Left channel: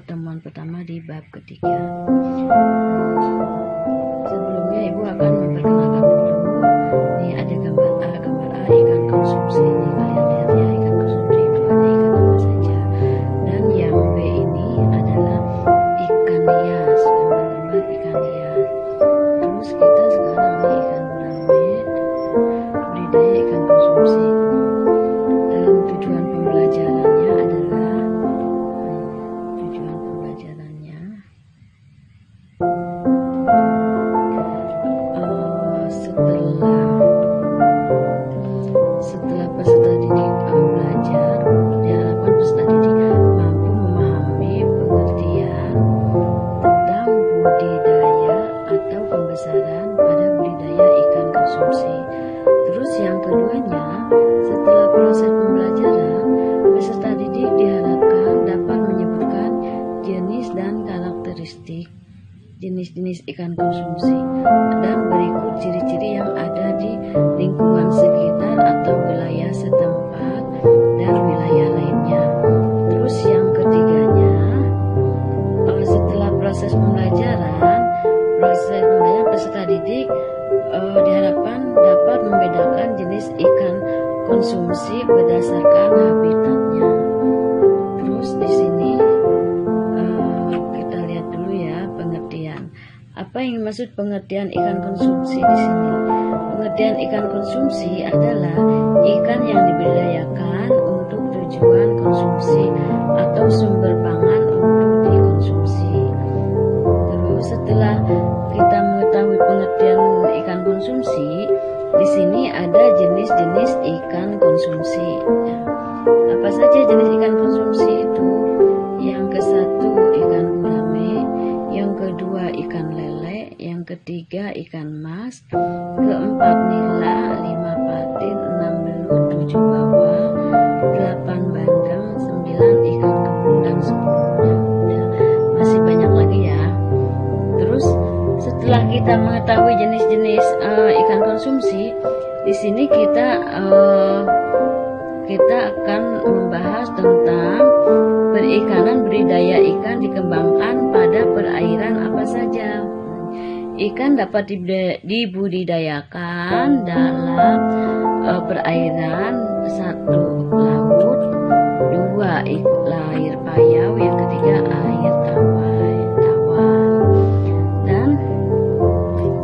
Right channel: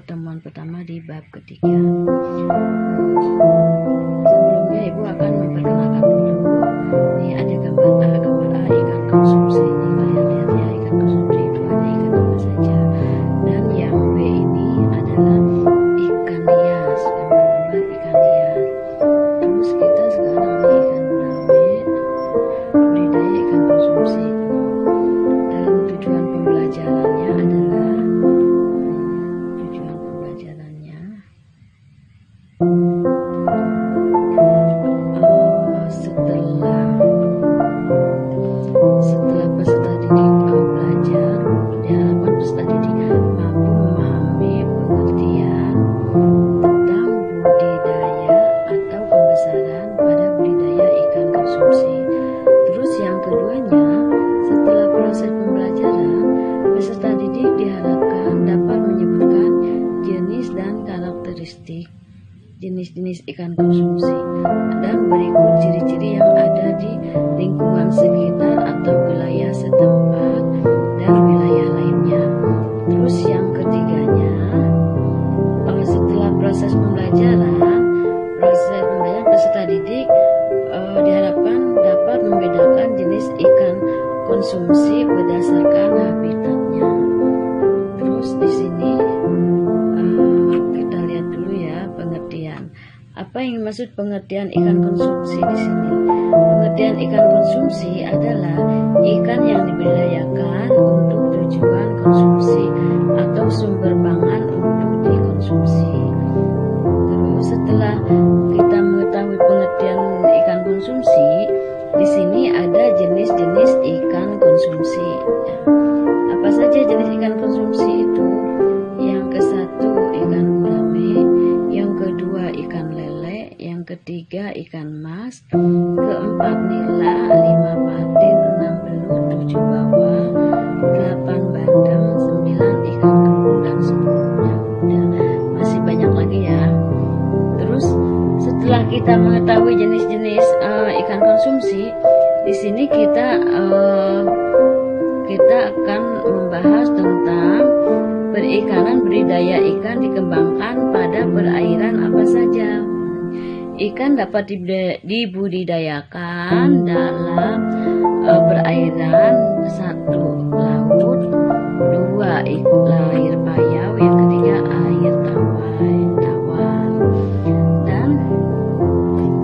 pertemuan pertama di bab ketiga. Sebelumnya Ibu akan memperkenalkan dulu. Ini ada gambar A, ikan konsumsi. Ini kalian lihat ya, ikan konsumsi itu ada ikan apa saja. Dan yang B ini adalah ikan hias, gambar-gambar ikan hias. Terus kita sekarang nih ikan gurame, budidaya ikan konsumsi. Dalam tujuan pembelajarannya adalah setelah peserta didik belajar, diharapkan peserta didik mampu memahami pengertian tentang budidaya atau pembesaran pada budidaya ikan konsumsi. Terus yang keduanya, setelah proses pembelajaran, peserta didik diharapkan dapat menyebutkan jenis dan karakteristik jenis-jenis ikan konsumsi dan berikut ciri-ciri yang ada di lingkungan sekitar atau wilayah setempat dan wilayah lainnya. Terus yang ketiganya, setelah proses pembelajaran peserta didik diharapkan dapat membedakan jenis ikan konsumsi berdasarkan habitatnya. Terus di sini kita lihat dulu ya pengertian. Apa yang dimaksud pengertian ikan konsumsi di sini? Pengertian ikan konsumsi adalah ikan yang dibudidayakan untuk tujuan konsumsi atau sumber pangan untuk dikonsumsi. Terus setelah kita mengetahui pengertian ikan konsumsi, di sini ada jenis-jenis ikan konsumsi. Apa saja jenis ikan konsumsi itu? Yang ke-1 ikan gurame, yang kedua ikan lele, yang ketiga ikan mas, ke-4 nila, 5 patin, 6 belut, 7 bawal, 8 bandeng, 9 ikan kembung, dan 10 udah masih banyak lagi ya. Terus setelah kita mengetahui jenis-jenis ikan konsumsi, di sini kita akan membahas tentang perikanan. Budidaya ikan dikembangkan pada perairan apa saja. Ikan dapat dibudidayakan dalam perairan 1 laut, 2 air payau, yang ketiga air tawar. Dan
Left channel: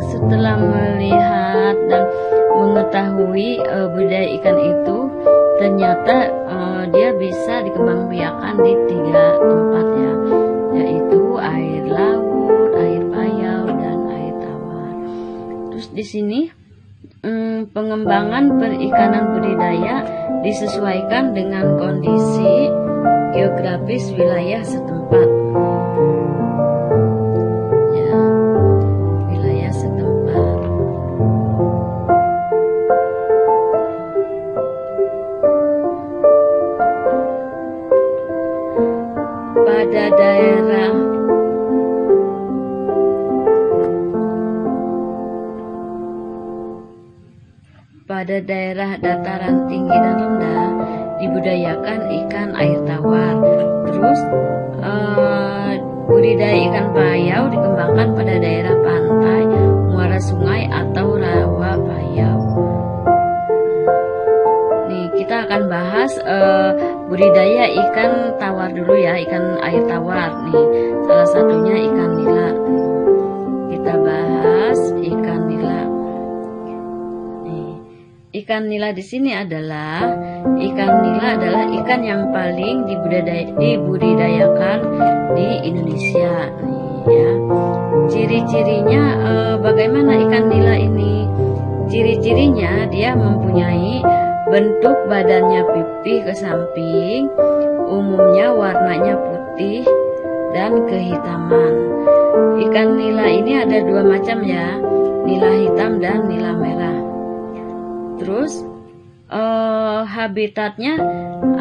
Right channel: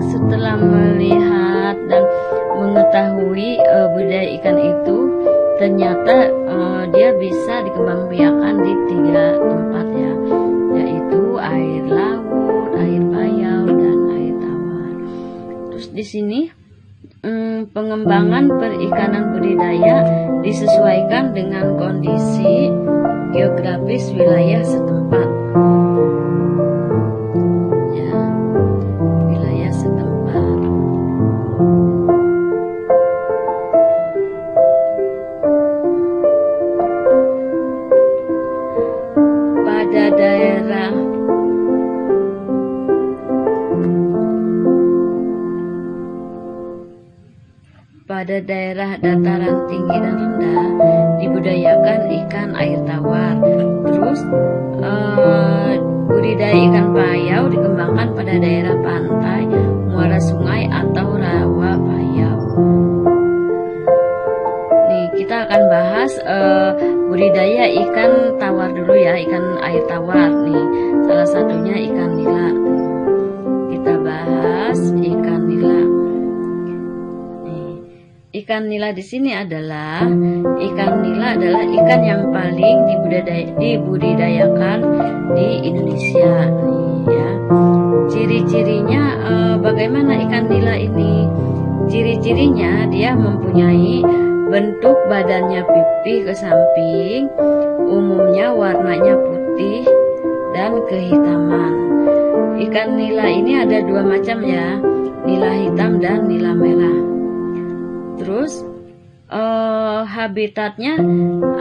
setelah melihat dan mengetahui budidaya ikan itu, ternyata dia bisa dikembangbiakan di 3 tempat ya, yaitu air laut, air payau, dan air tawar. Terus di sini pengembangan perikanan budidaya disesuaikan dengan kondisi geografis wilayah setempat. Ya, wilayah setempat. Pada daerah dataran tinggi dan rendah dibudidayakan ikan air tawar. Terus budidaya ikan payau dikembangkan pada daerah pantai, muara sungai, atau rawa payau. Nih kita akan bahas budidaya ikan tawar dulu ya, ikan air tawar. Nih salah satunya ikan nila. Kita bahas ikan nila. Ikan nila di sini adalah ikan yang paling dibudidayakan di Indonesia. Nih ya. Ciri-cirinya bagaimana ikan nila ini? Ciri-cirinya dia mempunyai bentuk badannya pipih ke samping, umumnya warnanya putih dan kehitaman. Ikan nila ini ada 2 macam ya, nila hitam dan nila merah. Terus habitatnya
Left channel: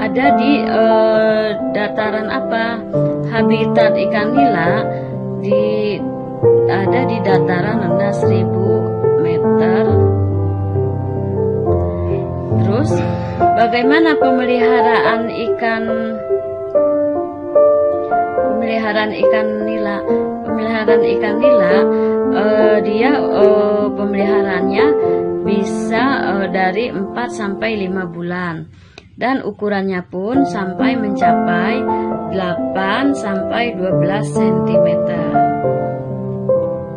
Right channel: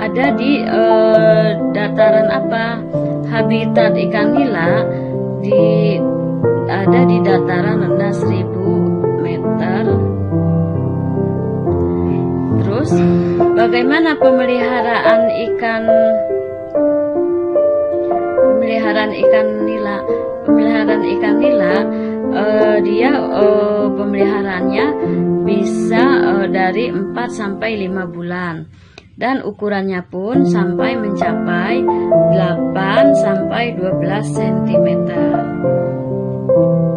ada di dataran apa? Habitat ikan nila ada di dataran rendah 1000 meter. Terus bagaimana pemeliharaan ikan pemeliharaan ikan nila. Pemeliharaan ikan nila dia pemeliharaannya bisa dari 4 sampai 5 bulan. Dan ukurannya pun sampai mencapai 8 sampai 12 cm.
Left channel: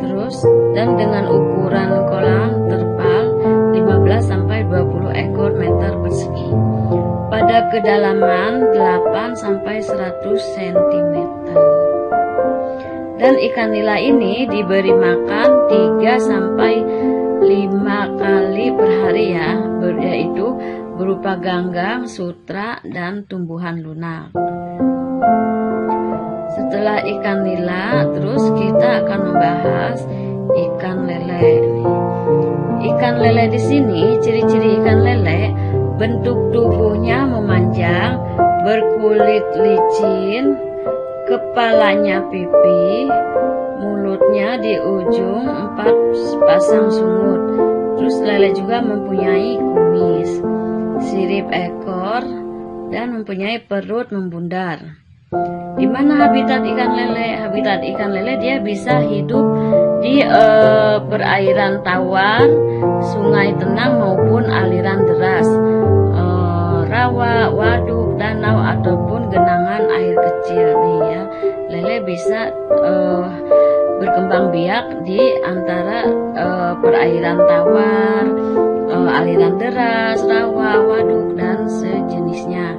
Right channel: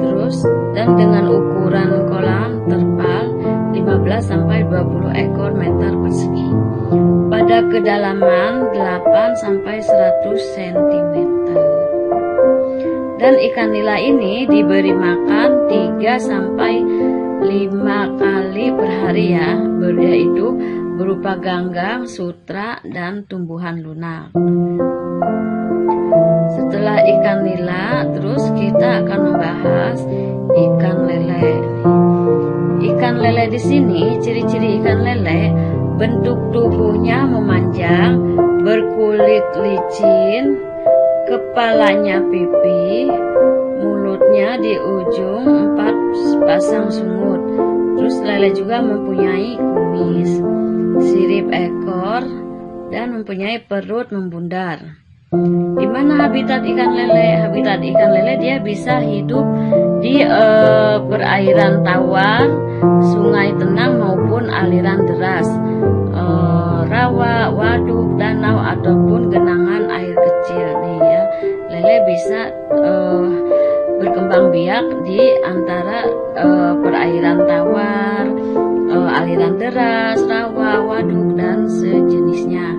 Terus dan dengan ukuran kolam terpal 15 sampai 20 ekor meter persegi. Pada kedalaman 8 sampai 100 cm. Dan ikan nila ini diberi makan 3 sampai 5 kali per hari ya, yaitu berupa ganggang, sutra, dan tumbuhan lunak. Setelah ikan nila, terus kita akan membahas ikan lele. Ikan lele di sini, ciri-ciri ikan lele, bentuk tubuhnya memanjang, berkulit licin, kepalanya pipih, mulutnya di ujung 4 pasang sungut. Terus lele juga mempunyai kumis, sirip ekor, dan mempunyai perut membundar. Di mana habitat ikan lele? Habitat ikan lele dia bisa hidup di perairan tawar, sungai tenang maupun aliran deras, rawa, waduk, danau ataupun genangan air kecil nih ya. Lele bisa berkembang biak di antara perairan tawar, aliran deras, rawa, waduk, dan sejenisnya.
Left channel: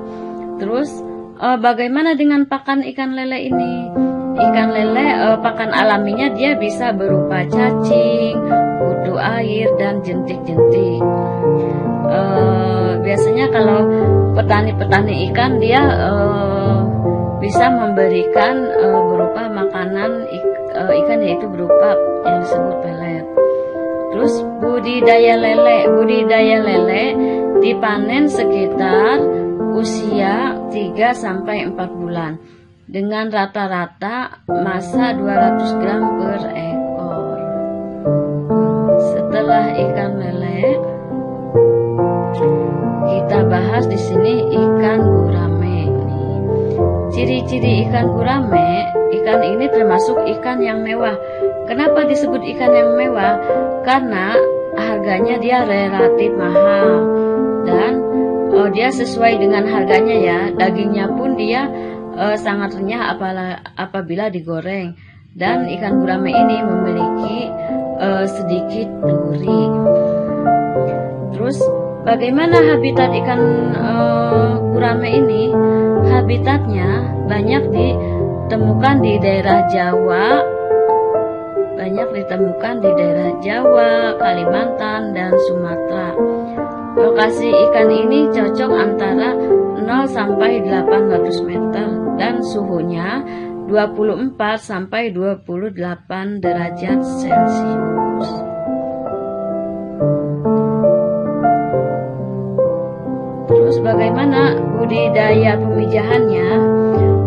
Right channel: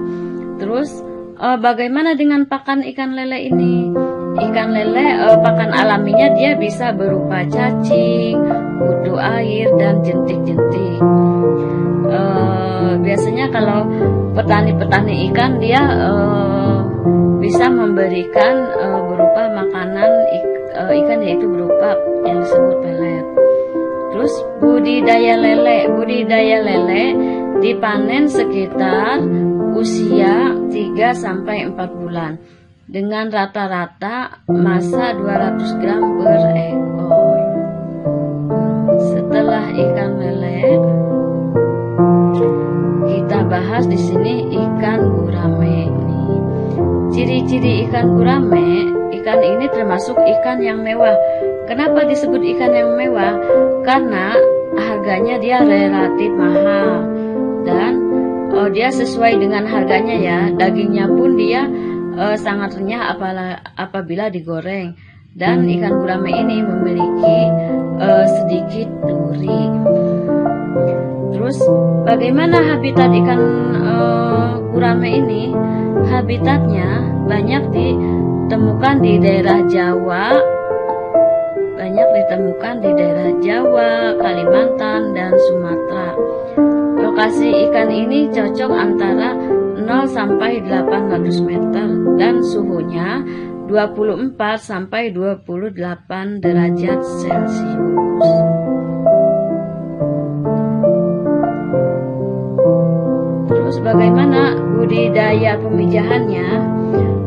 Terus bagaimana dengan pakan ikan lele ini? Ikan lele pakan alaminya dia bisa berupa cacing, kutu air, dan jentik-jentik. Biasanya kalau petani-petani ikan dia bisa memberikan berupa makanan ikan, yaitu berupa yang disebut pelet. Terus budidaya lele dipanen sekitar usia 3 sampai 4 bulan dengan rata-rata masa 200 gram per ekor. Setelah ikan lele, kita bahas di sini ikan gurame. Ciri-ciri ikan gurame, ikan ini termasuk ikan yang mewah. Kenapa disebut ikan yang mewah? Karena harganya dia relatif mahal dan dia sesuai dengan harganya ya. Dagingnya pun dia sangat renyah apabila digoreng. Dan ikan gurame ini memiliki sedikit duri. Terus bagaimana habitat ikan gurame ini? Habitatnya banyak ditemukan di daerah Jawa, Kalimantan, dan Sumatera. Lokasi ikan ini cocok antara 0 sampai 800 meter dan suhunya 24 sampai 28 derajat Celcius. Terus bagaimana budidaya pemijahannya?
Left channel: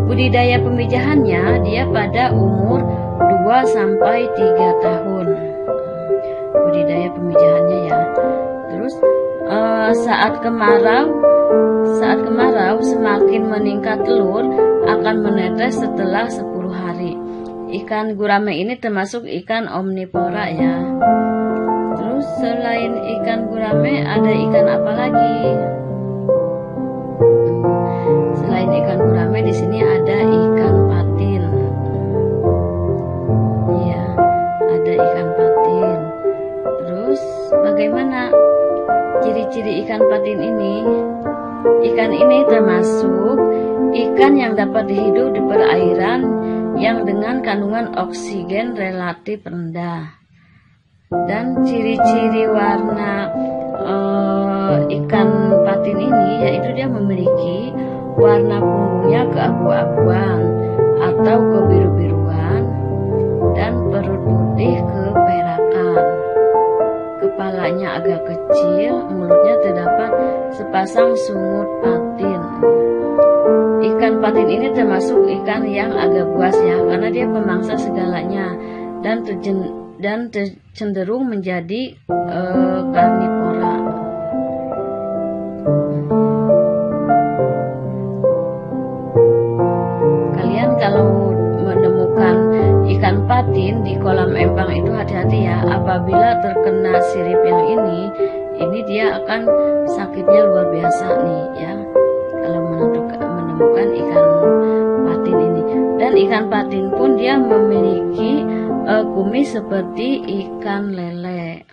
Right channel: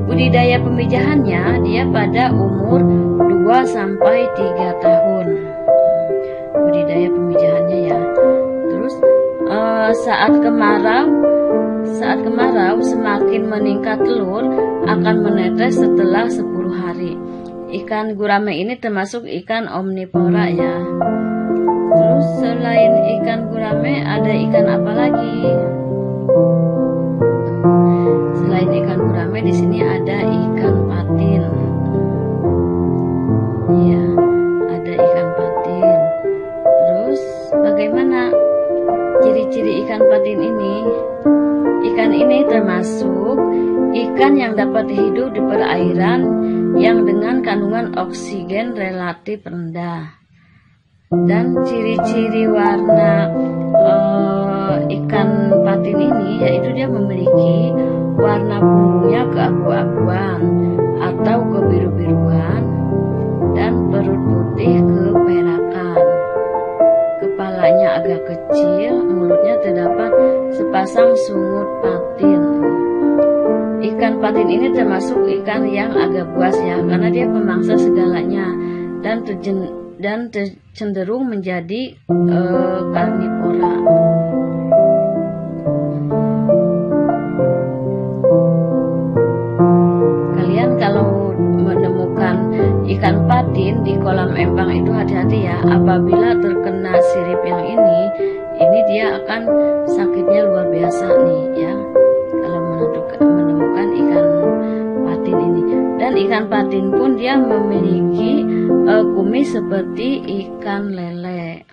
Budidaya pemijahannya dia pada umur 2 sampai 3 tahun. Budidaya pemijahannya ya. Terus saat kemarau semakin meningkat telur akan menetes setelah 10 hari. Ikan gurame ini termasuk ikan omnivora ya. Terus selain ikan gurame ada ikan apa lagi? Selain ikan gurame di sini ada ikan patin. Iya, ada ikan patin. Terus bagaimana ciri-ciri ikan patin ini? Ikan ini termasuk ikan yang dapat hidup di perairan yang dengan kandungan oksigen relatif rendah. Dan ciri-ciri warna ikan patin ini yaitu dia memiliki warna punggungnya keabu-abuan atau kebiru-biruan dan perut putih keperakan. Kepalanya agak kecil, mulutnya terdapat sepasang sungut patin. Ikan patin ini termasuk ikan yang agak buas ya, karena dia pemangsa segalanya dan cenderung menjadi karnivora. Kalian kalau menemukan ikan patin di kolam empang itu hati-hati ya. Apabila terkena sirip yang ini dia akan sakitnya luar biasa nih ya. Kalau menemukan ikan patin ini. Dan ikan patin pun dia memiliki kumis seperti ikan lele.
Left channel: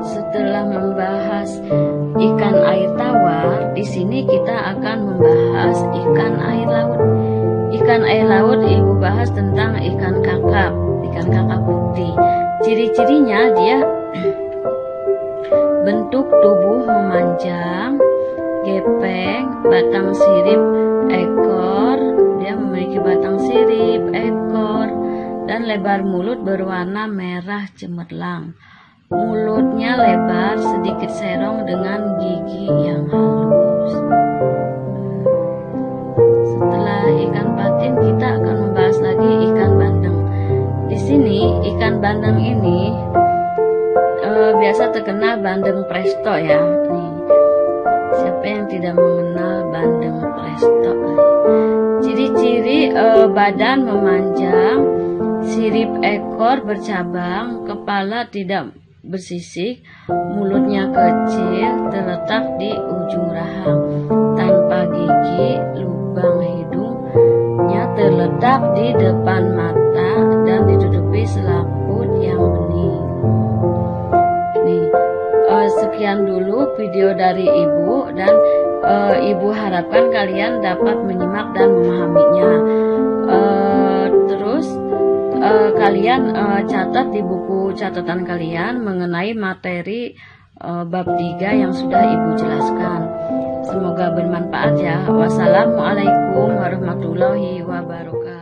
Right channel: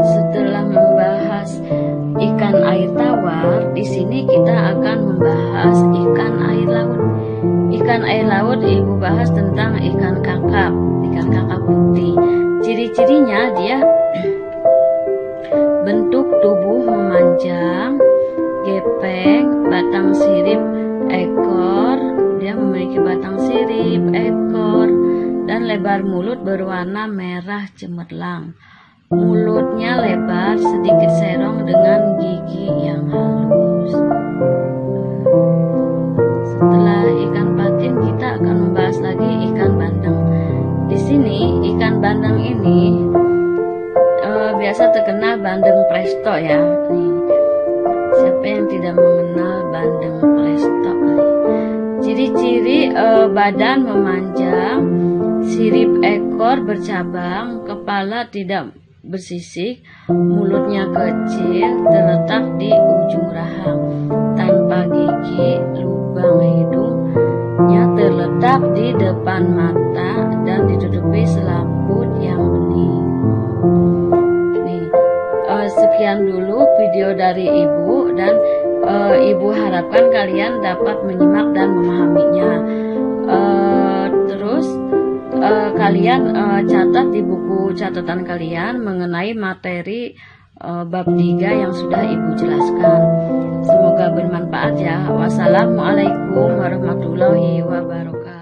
Setelah membahas ikan air tawar, di sini kita akan membahas ikan air laut. Ikan air laut ibu bahas tentang ikan kakap putih. Ciri-cirinya dia bentuk tubuh memanjang, gepeng, batang sirip ekor, dia memiliki batang sirip ekor, dan lebar mulut berwarna merah cemerlang. Mulutnya lebar, sedikit serong dengan gigi yang halus. Setelah ikan patin, kita akan membahas lagi ikan bandeng. Di sini ikan bandeng ini biasa terkenal bandeng presto ya. Nih, siapa yang tidak mengenal bandeng presto? Ciri-ciri badan memanjang, sirip ekor bercabang, kepala tidak bersisik, mulutnya kecil, terletak di ujung rahang, tanpa gigi, lubang hidungnya terletak di depan mata dan ditutupi selaput yang bening. Nih, sekian dulu video dari ibu, dan ibu harapkan kalian dapat menyimak dan memahaminya. Terus kalian catat di buku catatan kalian mengenai materi bab 3 yang sudah ibu jelaskan. Semoga bermanfaat ya. Wassalamualaikum warahmatullahi wabarakatuh.